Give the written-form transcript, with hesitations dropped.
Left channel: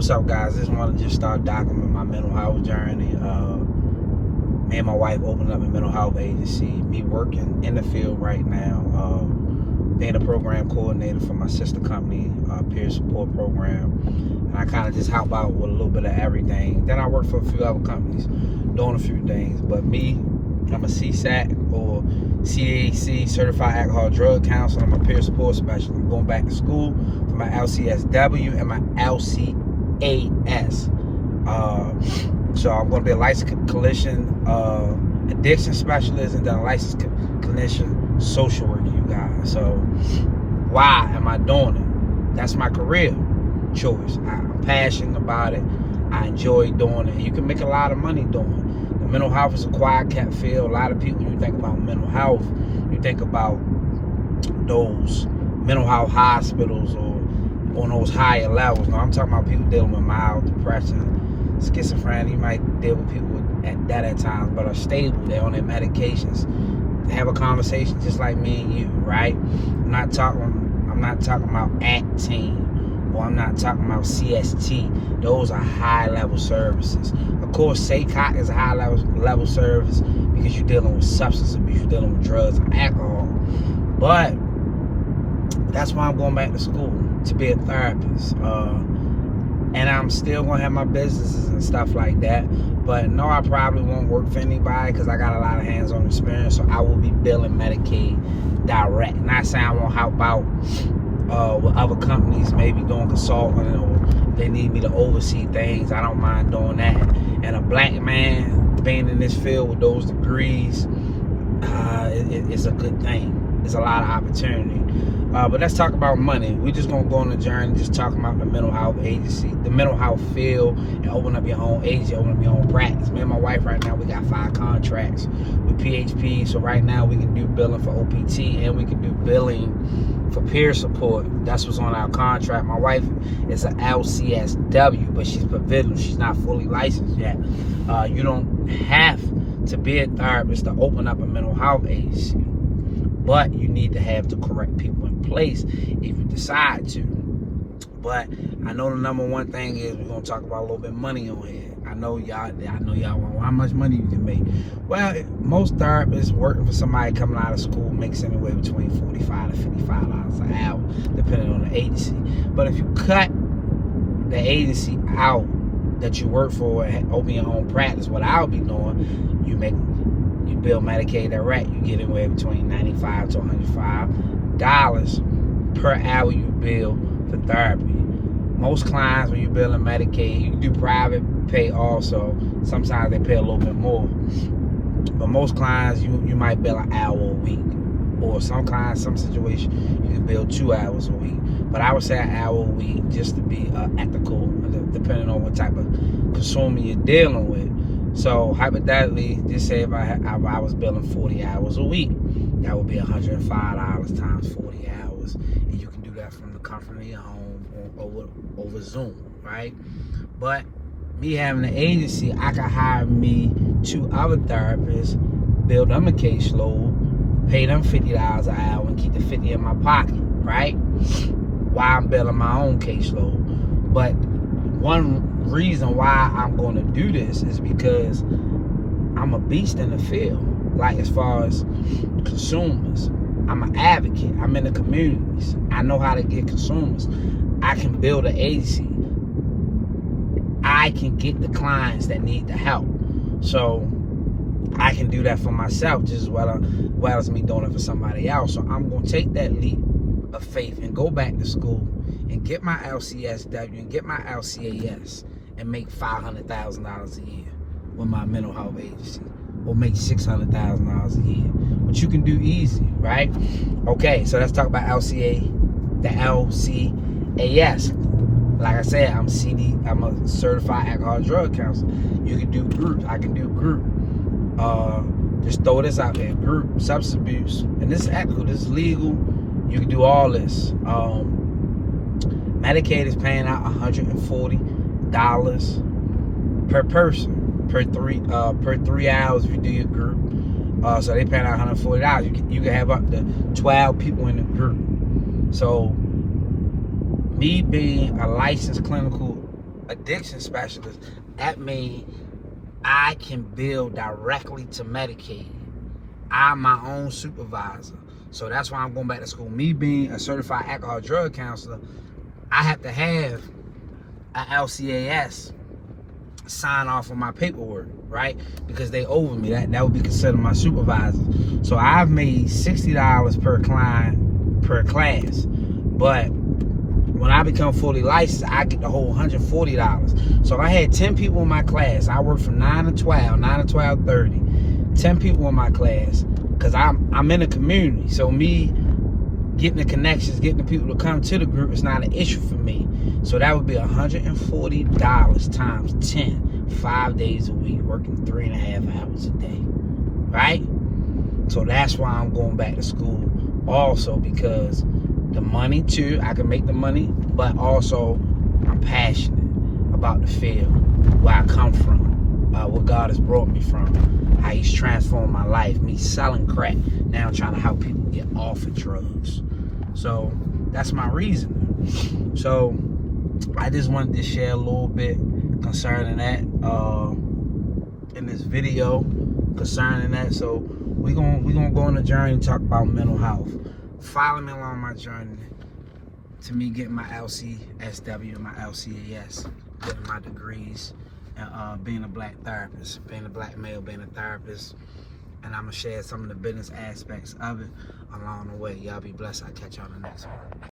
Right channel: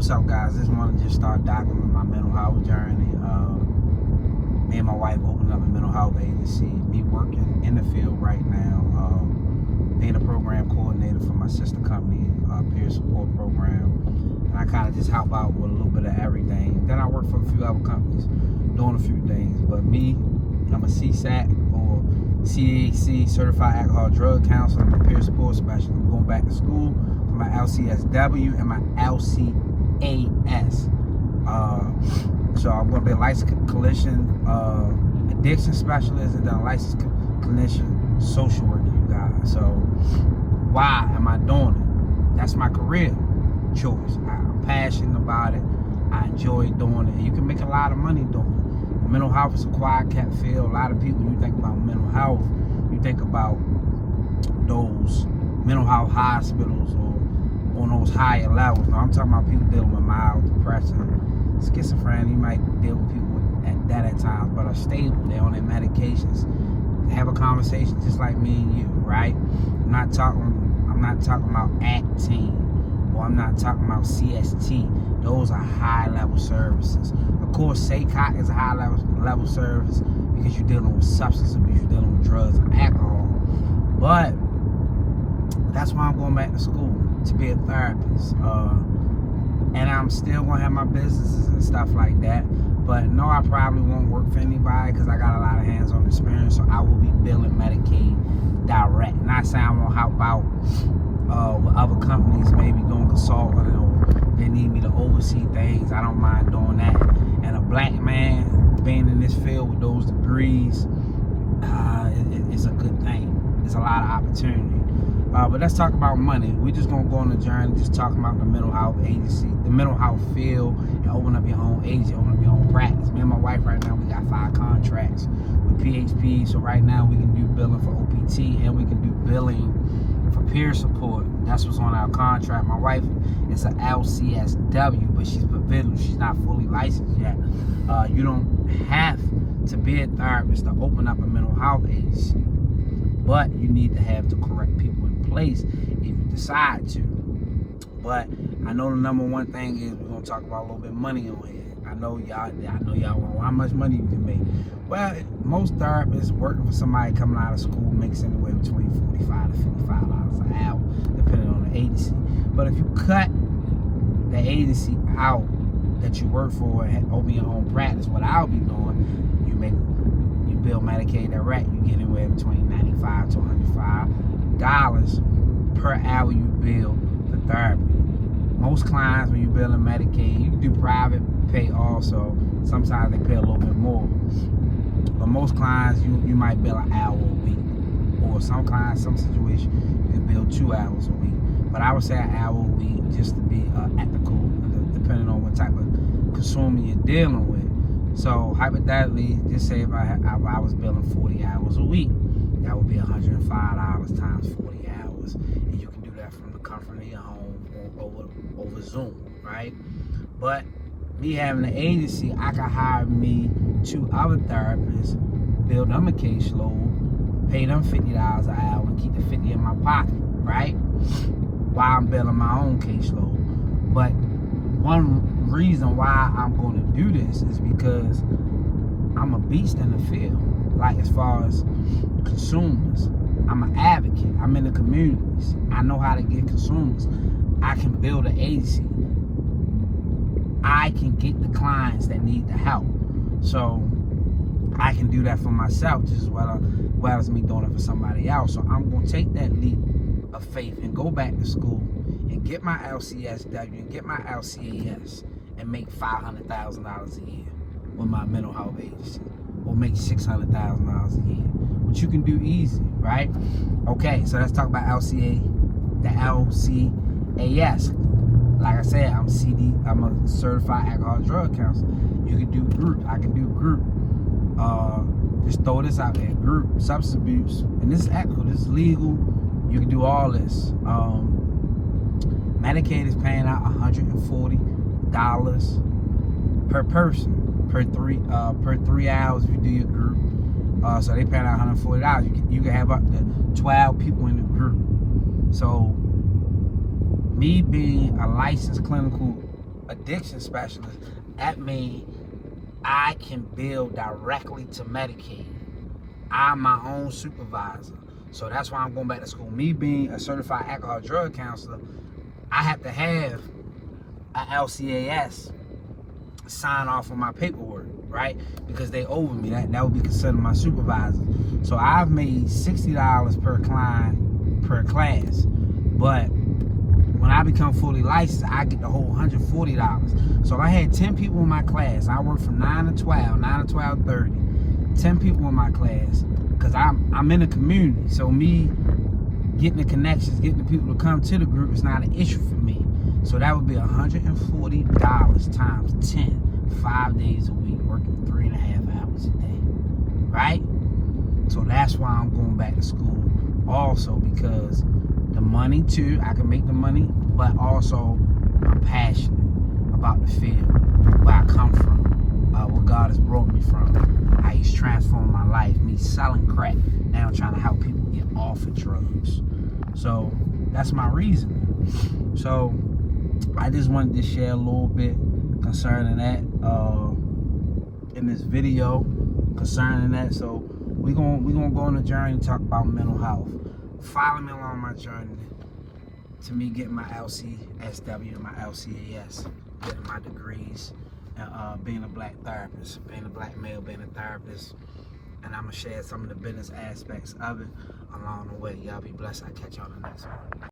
What's up, guys? Just want to start documenting my mental health journey. Me and my wife opened up a mental health agency. Me working in the field right now, being a program coordinator for my sister company, peer support program. And I kind of just help out with a little bit of everything. Then I work for a few other companies, doing a few things. But me, I'm a CSAT or CAC, Certified Alcohol Drug Counselor. I'm a peer support specialist. I'm going back to school for my LCSW and my LCAS. So I'm going to be a licensed clinician, addiction specialist, and then a licensed clinician social worker, you guys. So why am I doing it? That's my career choice. I'm passionate about it. I enjoy doing it. You can make a lot of money doing it. The mental health is a quiet cat field. A lot of people, you think about mental health, you think about those mental health hospitals or on those higher levels. No, I'm talking about people dealing with mild depression, schizophrenia. You might deal with people at times, but are stable. They're on their medications. They have a conversation just like me and you, right? I'm not talking about acting, or I'm not talking about CST. Those are high level services. Of course, SACOT is a high level service because you're dealing with substance abuse, you're dealing with drugs and alcohol. But that's why I'm going back to school, to be a therapist. And I'm still gonna have my businesses and stuff like that. But no, I probably won't work for anybody because I got a lot of hands-on experience. So I will be billing Medicaid direct. Not saying I won't help out with other companies, maybe doing consulting, or they need me to oversee things. I don't mind doing that. And a black man being in this field with those degrees, it's a good thing. There's a lot of opportunity. But let's talk about money. We're just gonna go on the journey, just talking about the mental health agency, the mental health field, and open up your own agency, open up your own practice. Me and my wife right now, we got 5 contracts with PHP. So right now we can do billing for OPT and we can do billing for peer support. That's what's on our contract. My wife is an LCSW, but she's provisional. She's not fully licensed yet. You don't have to be a therapist to open up a mental health agency, but you need to have the correct people in place if you decide to. But I know the number one thing is we're gonna talk about a little bit of money on here. I know y'all want how much money you can make. Well, most therapists working for somebody coming out of school makes anywhere between $45 to $55 an hour, depending on the agency. But if you cut the agency out that you work for and open your own practice, what I'll be doing, you bill Medicaid direct, you get anywhere between $95 to $105 per hour you bill for therapy. Most clients, when you bill in Medicaid, you can do private pay also. Sometimes they pay a little bit more. But most clients, you might bill an hour a week. Or some clients, some situations, you can bill 2 hours a week. But I would say an hour a week just to be ethical, depending on what type of consumer you're dealing with. So hypothetically, just say if I was billing 40 hours a week, that would be $105 times 40 hours. And you can do that from the comfort of your home over Zoom, right? But me having an agency, I can hire me 2 other therapists, build them a caseload, pay them $50 an hour, and keep the 50 in my pocket, right? While I'm building my own caseload. But one reason why I'm going to do this is because I'm a beast in the field. Like, as far as consumers, I'm an advocate. I'm in the communities. I know how to get consumers. I can build an agency. I can get the clients that need the help. So I can do that for myself just as well as me doing it for somebody else. So I'm going to take that leap of faith and go back to school and get my LCSW and get my LCAS and make $500,000 a year with my mental health agency, or make $600,000 a year, which you can do easy, right? Okay, so let's talk about the LCAS. Like I said, I'm a certified alcohol drug counselor. You can do group. I can do group. Just throw this out there: group substance abuse, and this is ethical. This is legal. You can do all this. Medicaid is paying out $140 per person per 3 hours if you do your group. So they paying out $140. You can have up to 12 people in the group. So me being a licensed clinical addiction specialist, that means I can bill directly to Medicaid. I'm my own supervisor. So that's why I'm going back to school. Me being a certified alcohol drug counselor, I have to have a LCAS sign off on my paperwork, right? Because they over me. That would be considered my supervisor. So I've made $60 per client per class. But when I become fully licensed, I get the whole $140. So if I had 10 people in my class, I work from 9 to 12, 9 to 12:30, 10 people in my class, because I'm in a community. So me getting the connections, getting the people to come to the group is not an issue for me. So that would be $140 times 10, 5 days a week, working 3.5 hours a day, right? So that's why I'm going back to school also, because the money too, I can make the money, but also I'm passionate about the field, where I come from, where God has brought me from, how He's transformed my life, me selling crack, now I'm trying to help people get off of drugs. So that's my reason. So I just wanted to share a little bit concerning that in this video concerning that. So we're gonna go on a journey and talk about mental health. Follow me along my journey to me getting my LCSW and my LCAS, getting my degrees, and being a black therapist, being a black male, being a therapist. And I'm gonna share some of the business aspects of it along the way. Y'all be blessed. I'll catch y'all in the next one.